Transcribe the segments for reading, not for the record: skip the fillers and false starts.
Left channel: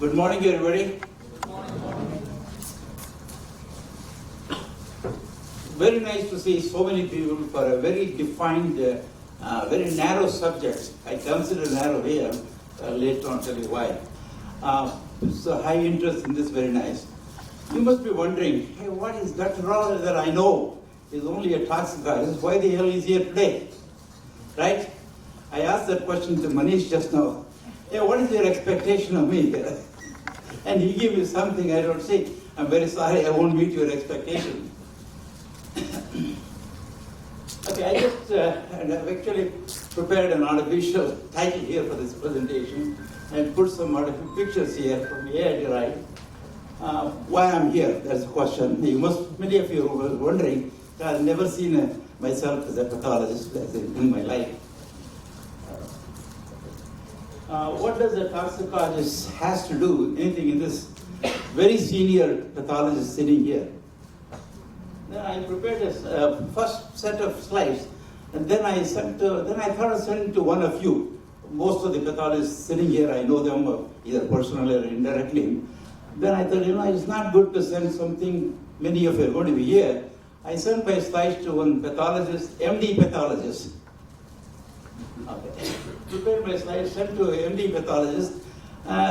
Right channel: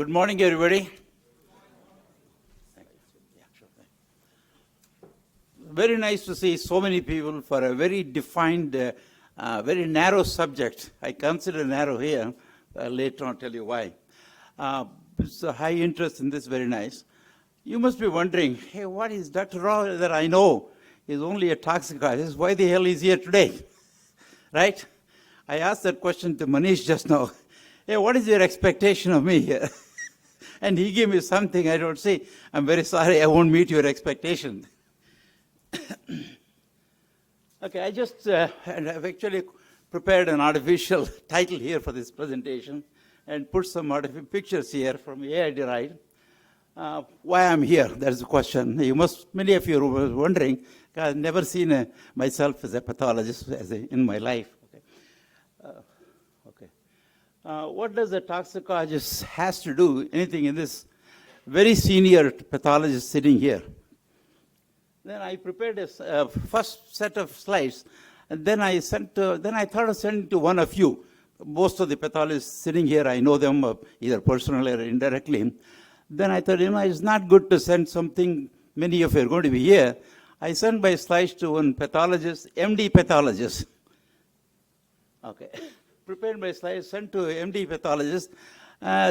Good morning, everybody. Very nice to see so many people for a very defined, very narrow subject. I consider narrow here. Later on, tell you why. So high interest in this, very nice. You must be wondering, hey, what is Dr. Rao that I know is only a toxicologist? Why the hell is here today? Right? I asked that question to Manish just now. Hey, what is your expectation of me here? And he gave me something. I don't say, I'm very sorry, I won't meet your expectation. Okay, I just and I've actually prepared an artificial title here for this presentation and put some artificial pictures here from AI derived. Why I'm here, that's the question. Many of you were wondering, I've never seen myself as a pathologist in my life. What does a toxicologist has to do, anything in this very senior pathologist sitting here? Then I prepared this first set of slides, and then I thought of sending to one of you. Most of the pathologists sitting here, I know them either personally or indirectly. Then I thought, it's not good to send something, many of you are going to be here. I sent my slides to one pathologist, MD pathologist. Okay. Prepared my slides, sent to an MD pathologist,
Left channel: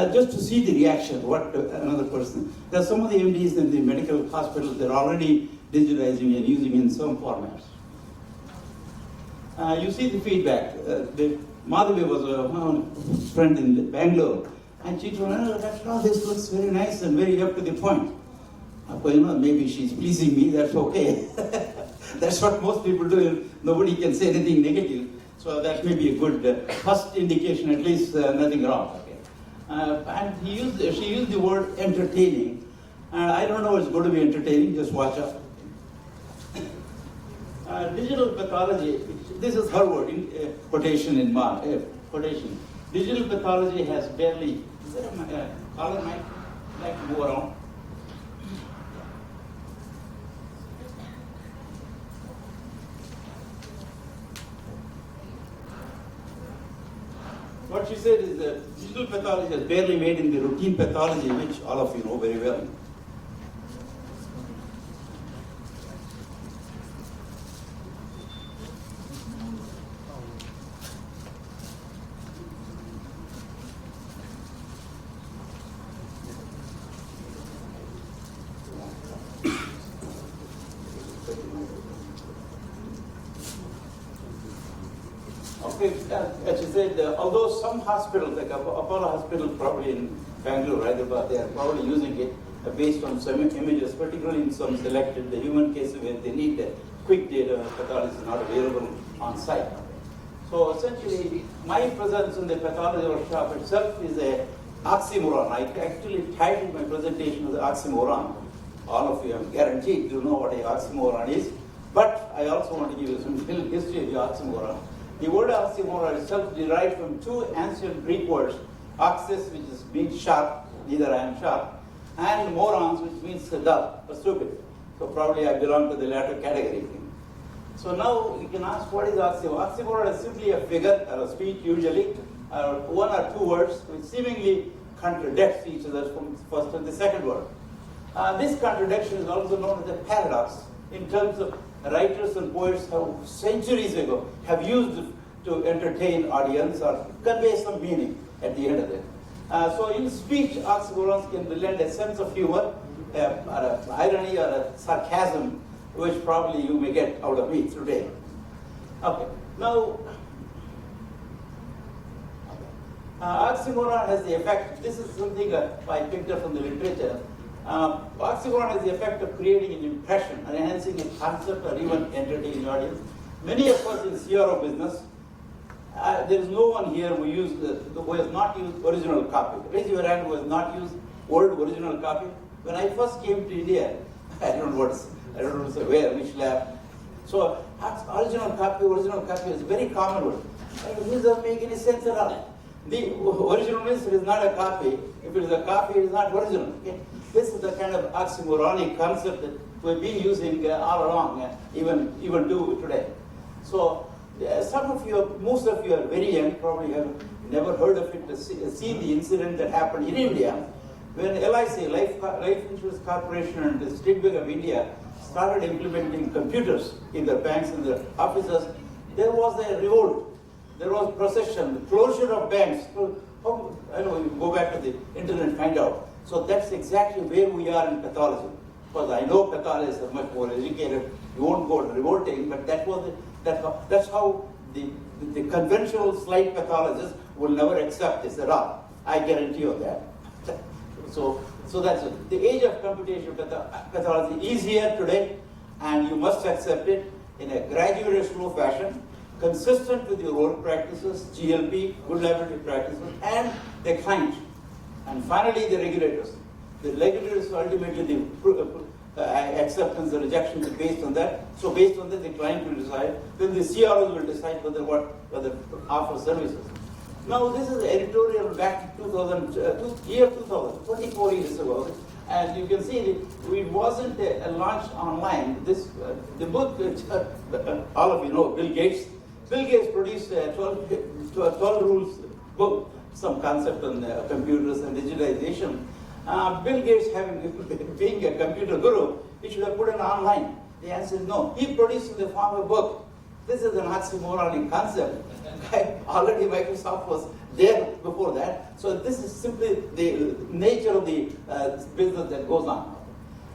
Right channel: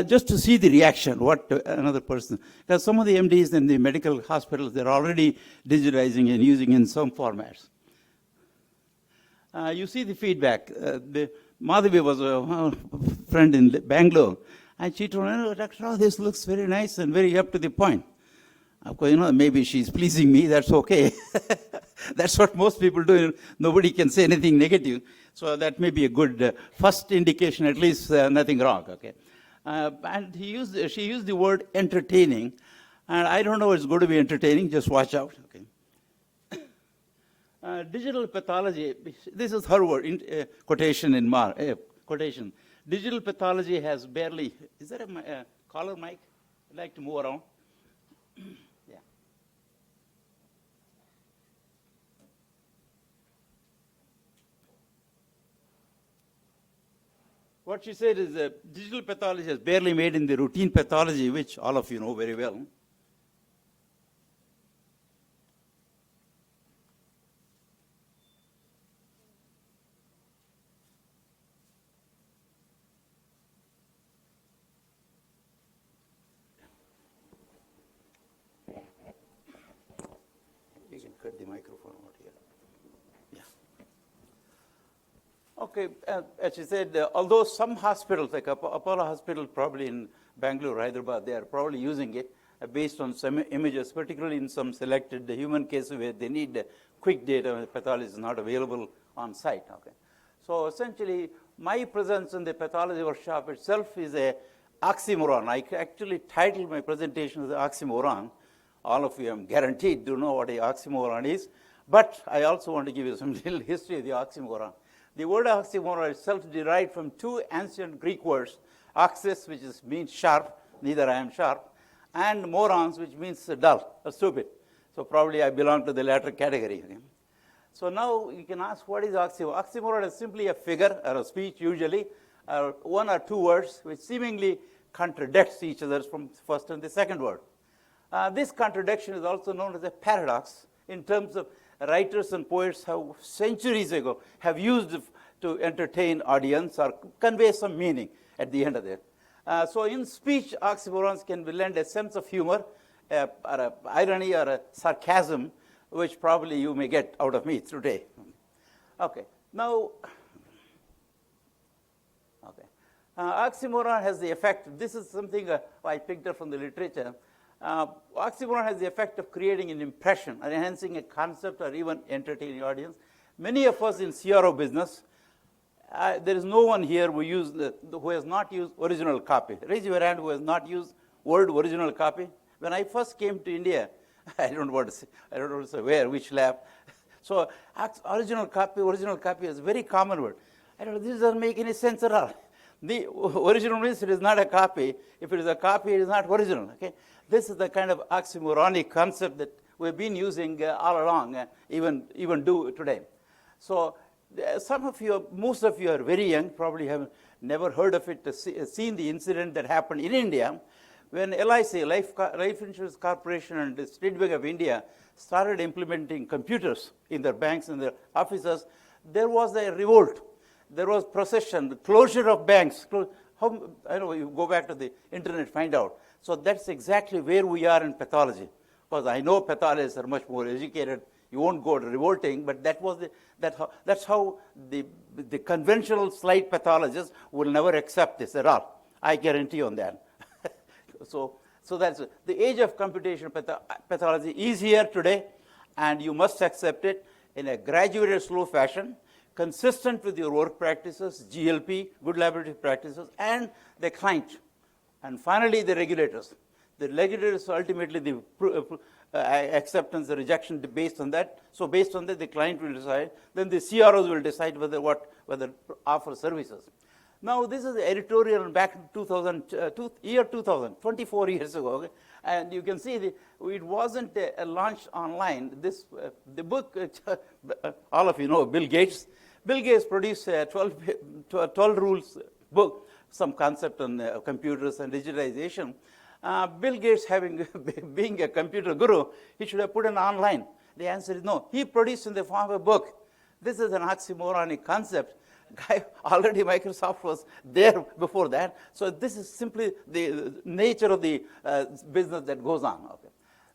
just to see the reaction, what another person. Because some of the MDs in the medical hospitals, they're already digitizing and using in some formats. You see the feedback. Madhavi was a friend in Bangalore, and she told me, Dr. Rao, this looks very nice and very up to the point. Maybe she's pleasing me, that's okay. That's what most people do. Nobody can say anything negative. So that may be a good first indication, at least nothing wrong. Okay. And she used the word entertaining. And I don't know if it's going to be entertaining, just watch out. Digital pathology, this is her word, quotation in quotation. Digital pathology has barely, is there a color mic? Like to move around. What she said is that digital pathology has barely made in the routine pathology, which all of you know very well. As you said, although some hospitals, like Apollo Hospital, probably in Bangalore, Hyderabad, they are probably using it based on some images, particularly in some selected human cases where they need quick data when pathology is not available on site. So essentially, my presence in the pathology workshop itself is a oxymoron. I actually titled my presentation as Oxymoron. All of you, I'm guaranteed, do know what an oxymoron is. But I also want to give you some little history of the oxymoron. The word oxymoron itself derived from two ancient Greek words, oxys, which means sharp, neither I am sharp, and morons, which means dull or stupid. So probably I belong to the latter category. So now you can ask, what is oxymoron? Oxymoron is simply a figure or a speech, usually, one or two words, which seemingly contradicts each other from the first and the second word. This contradiction is also known as a paradox in terms of writers and poets have centuries ago have used to entertain audience or convey some meaning at the end of it. So in speech, oxymorons can lend a sense of humor, irony or a sarcasm, which probably you may get out of me today. Okay, now oxymoron has the effect, this is something I picked up from the literature. Oxymoron has the effect of creating an impression, enhancing a concept, or even entertaining audience. Many of us in CRO business, there is no one here who has not used original copy. Raise your hand who has not used word original copy. When I first came to India, I don't know where, which lab. So original copy was a very common word. It doesn't make any sense at all. The original means it is not a copy. If it is a copy, it is not original. Okay? This is the kind of oxymoronic concept that we've been using all along, even do today. So most of you are very young, probably have never heard of it, seen the incident that happened in India. When LIC, Life Insurance Corporation and the State Bank of India started implementing computers in their banks and their offices, there was a revolt. There was procession, closure of banks. How, I don't know, you go back to the internet and find out. So that's exactly where we are in pathology. Because I know pathologists are much more educated. You won't go revolting, but that's how the conventional slide pathologists will never accept this at all. I guarantee you that. So that's it. The age of computational pathology is here today, and you must accept it in a graduated slow fashion, consistent with your work practices, GLP, good laboratory practices, and the client. And finally, the regulators. The regulators ultimately the acceptance, the rejection based on that. So based on that, the client will decide. Then the CROs will decide whether offer services. Now this is an editorial back to 2000, 24 years ago, and you can see it wasn't a launch online. The book, all of you know, Bill Gates. Bill Gates produced a 12 rules book, some concept on computers and digitization. Bill Gates, being a computer guru, he should have put it online. The answer is no. He produced in the form of a book. This is an oxymoronic concept. Already Microsoft was there before that. So this is simply the nature of the business that goes on.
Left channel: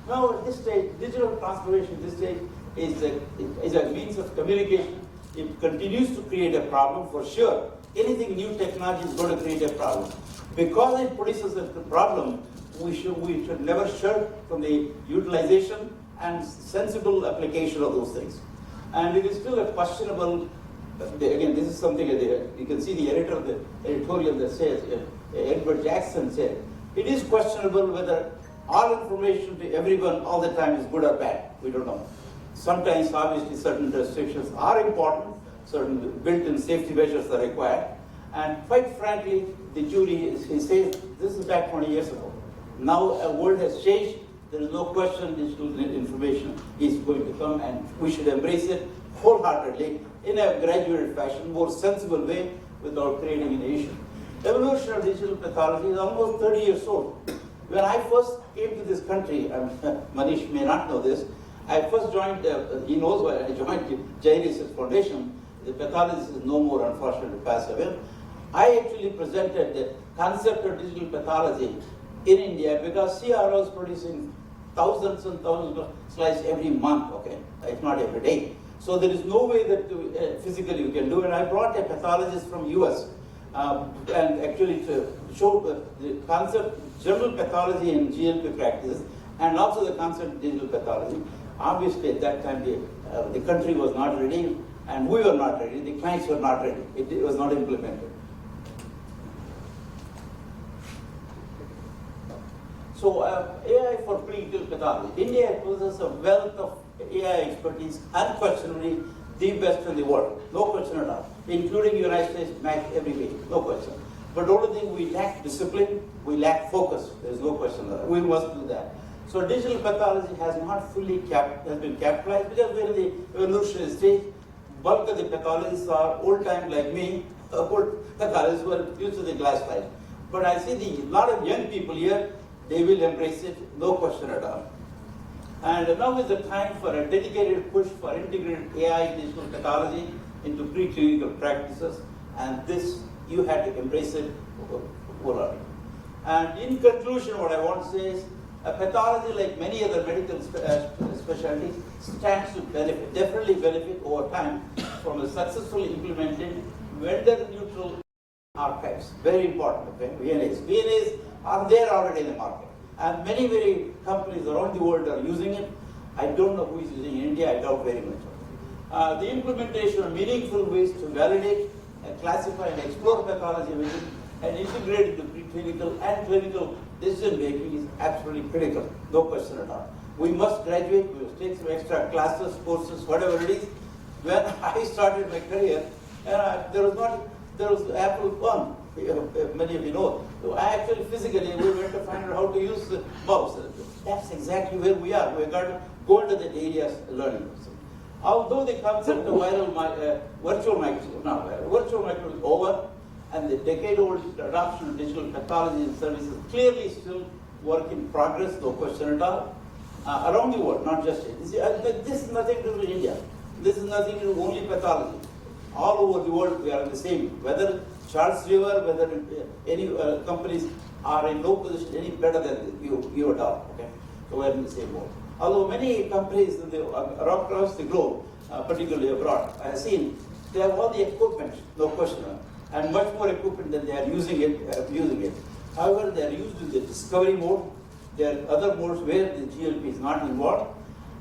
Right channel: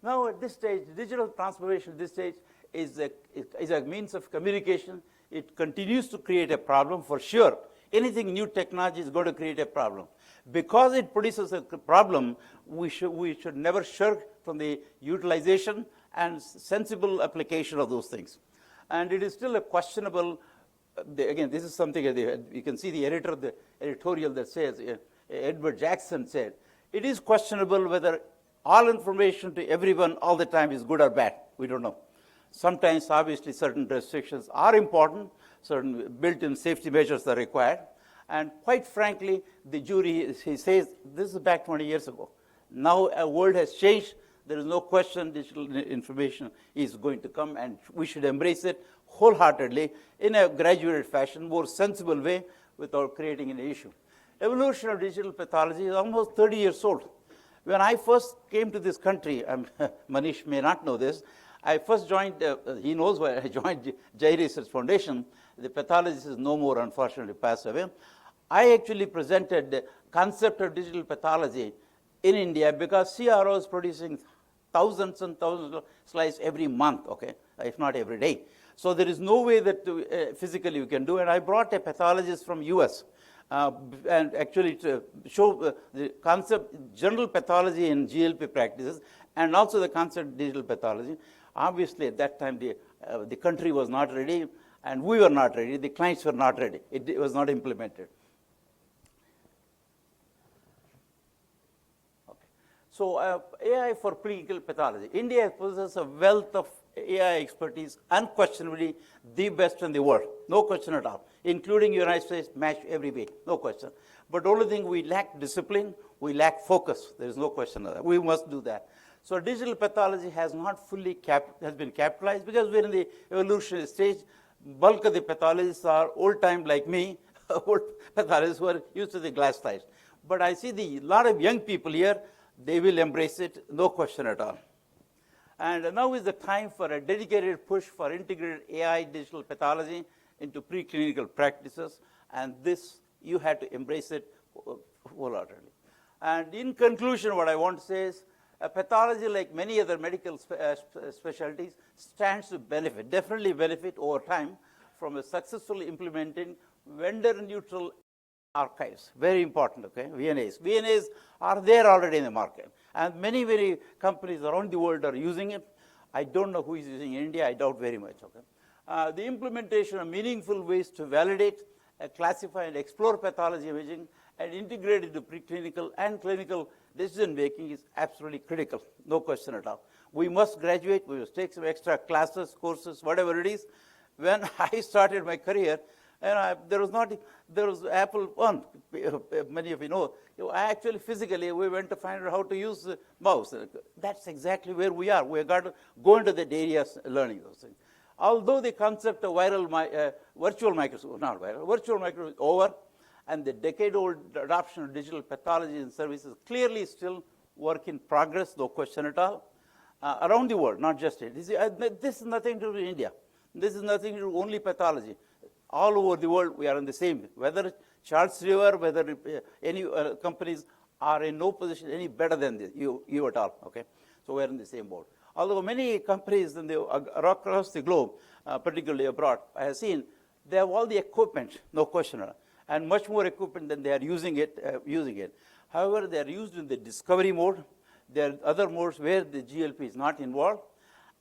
Now at this stage, digital transformation at this stage is a means of communication. It continues to create a problem for sure. Anything new technology is going to create a problem. Because it produces a problem, we should never shirk from the utilization and sensible application of those things. And it is still a questionable, again, this is something that you can see the editor of the editorial that says, Edward Jackson said, it is questionable whether all information to everyone all the time is good or bad. We don't know. Sometimes, obviously, certain restrictions are important, certain built-in safety measures are required. And quite frankly, the jury, he says, this is back 20 years ago. Now a world has changed. There is no question digital information is going to come, and we should embrace it wholeheartedly in a graduated fashion, more sensible way, without creating an issue. Evolution of digital pathology is almost 30 years old. When I first came to this country, and Manish may not know this, I first joined, he knows why I joined the J Research Foundation. The pathologist is no more, unfortunately, passed away. I actually presented the concept of digital pathology in India because CRO is producing thousands and thousands of slides every month, okay, if not every day. So there is no way that physically you can do it. I brought a pathologist from US and actually to show the concept, general pathology in GLP practices, and also the concept of digital pathology. Obviously at that time the country was not ready, and we were not ready, the clients were not ready. It was not implemented. So AI for preclinical pathology. India possesses a wealth of AI expertise, unquestionably the best in the world, no question at all, including United States match every day, no question. But the only thing, we lack discipline, we lack focus. There is no question of that. We must do that. So digital pathology has not fully been capitalized because we're in the evolutionary stage. Bulk of the pathologists are old time like me, old pathologists who are used to the glass slide. But I see a lot of young people here, they will embrace it, no question at all. And now is the time for a dedicated push for integrated AI digital pathology into preclinical practices, and this, you have to embrace it wholeheartedly. And in conclusion, what I want to say is, pathology, like many other medical specialties, stands to benefit, definitely benefit over time from a successfully implemented vendor-neutral archives. Very important, okay? VNAs. VNAs are there already in the market. And many companies around the world are using it. I don't know who is using it in India, I doubt very much. The implementation of meaningful ways to validate and classify and explore pathology and integrate into preclinical and clinical decision making is absolutely critical, no question at all. We must graduate, we must take some extra classes, courses, whatever it is. When I started my career, there was Apple One, many of you know. I actually physically, we went to find out how to use the mouse. That's exactly where we are. We've got to go into the areas learning. Although the concept of virtual microscope is over, and the decade-old adoption of digital pathology and services clearly still work in progress, no question at all, around the world, not just India. This is nothing to do with India. This is nothing to do only pathology. All over the world, we are in the same. Whether Charles River, whether any companies are in no position any better than this, you at all. Okay, so we're in the same boat. Although many companies in the, across the globe, particularly abroad, I have seen they have all the equipment, no question, and much more equipment than they are using it. However, they are used in the discovery mode. There are other modes where the GLP is not involved,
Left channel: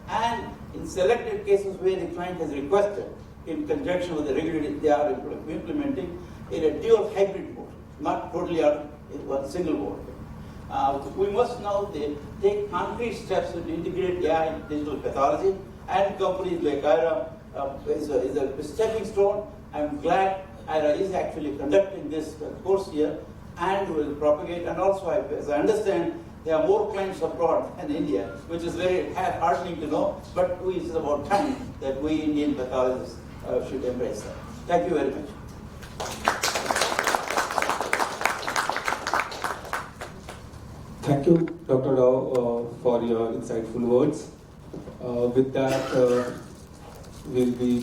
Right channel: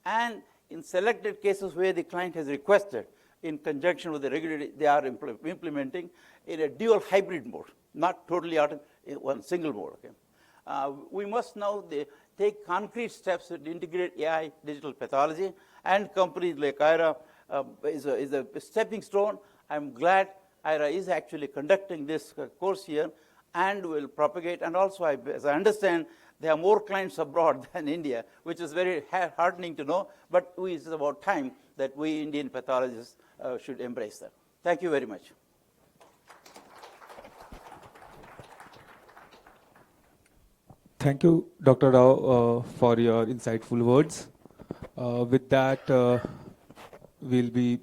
and in selected cases where the client has requested, in conjunction with the regulator, they are implementing in a dual hybrid mode, not totally in one single mode. We must now take concrete steps to integrate AI in digital pathology, and companies like AIRA is a stepping stone. I'm glad AIRA is actually conducting this course here and will propagate. And also, as I understand, there are more clients abroad than India, which is very heartening to know, but it's about time that we Indian pathologists should embrace that. Thank you very much. Thank you, Dr. Rao, for your insightful words. With that, we'll be